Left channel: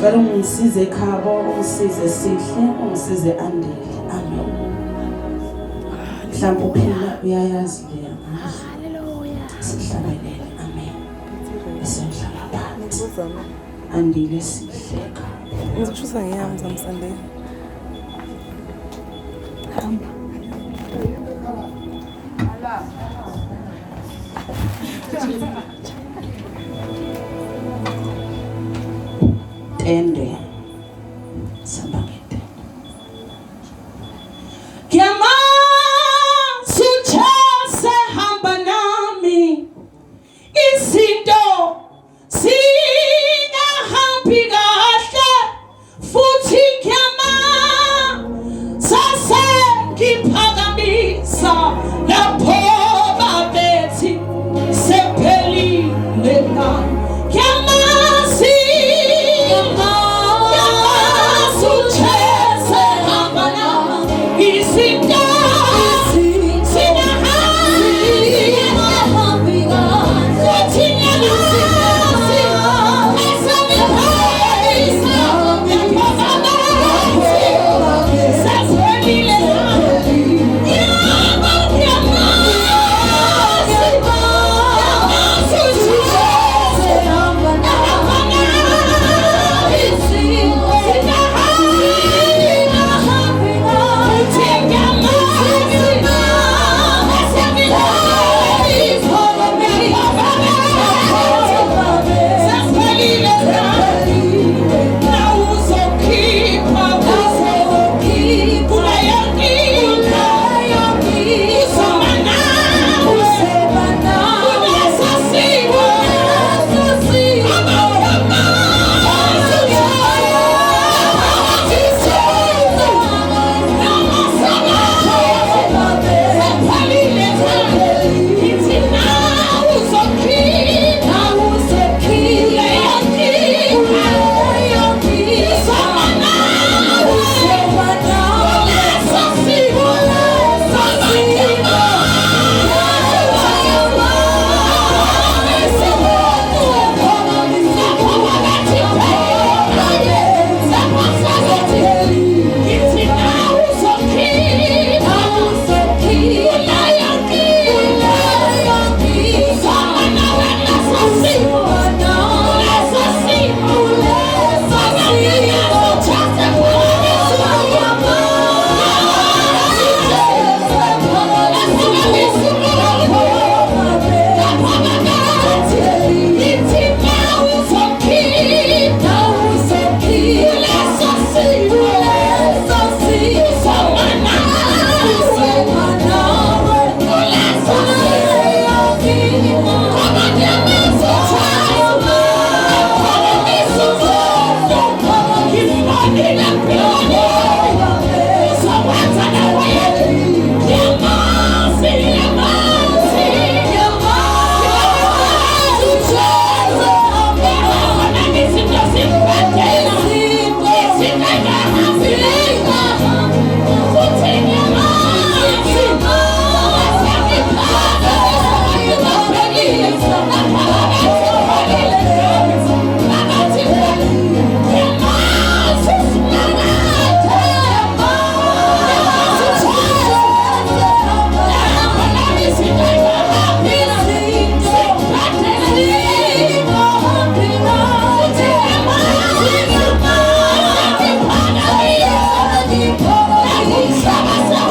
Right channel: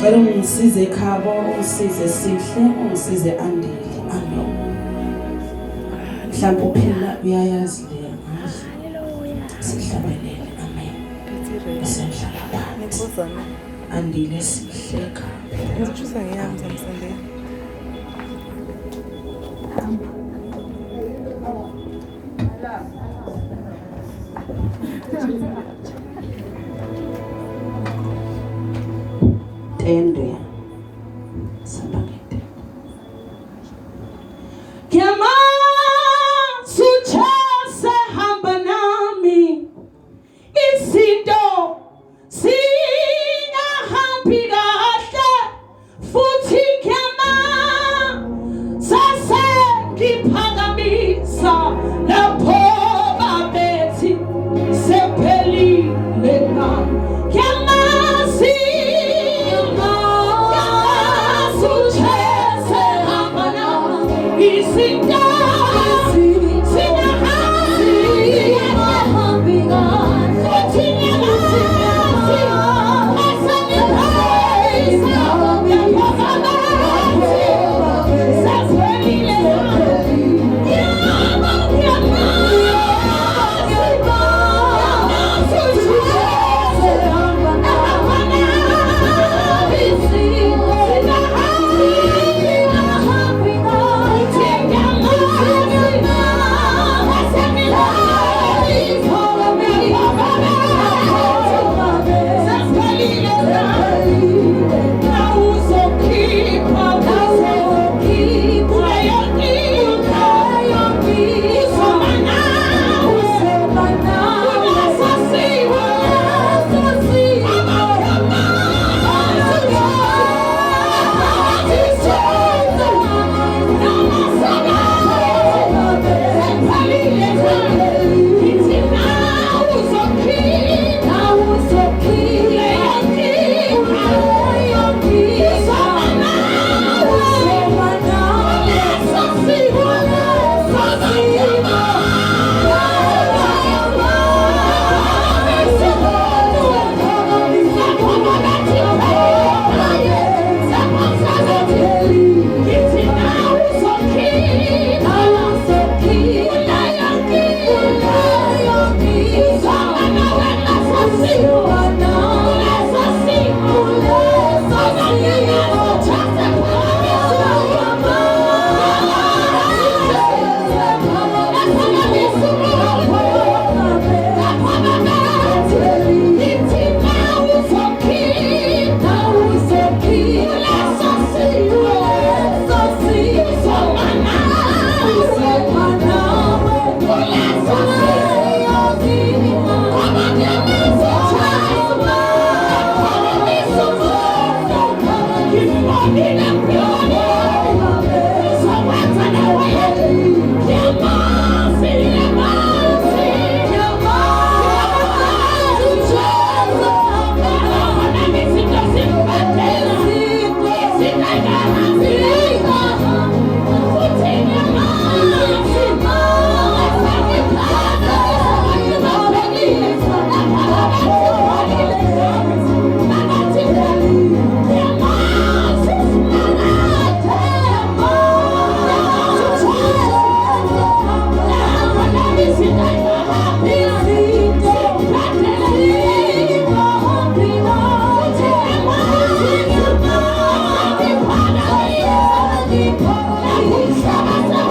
Ngicela ungisize ekhabo, ungisize Sihle, ungisize Andile. Amen. Mhlawumbe uphela uyayazi le. Haleluya. Sihlabelele. Amen. Sihlala phansi. Andile Sihle ekhabo. Ngizochuza ngiyami zamsande. Hamba. Tende sambangete kiama suchase hamba nami izinto singahambi kahle futhi kiama sase ngiphakamisa lapho babethi sephelile na kiama Stop.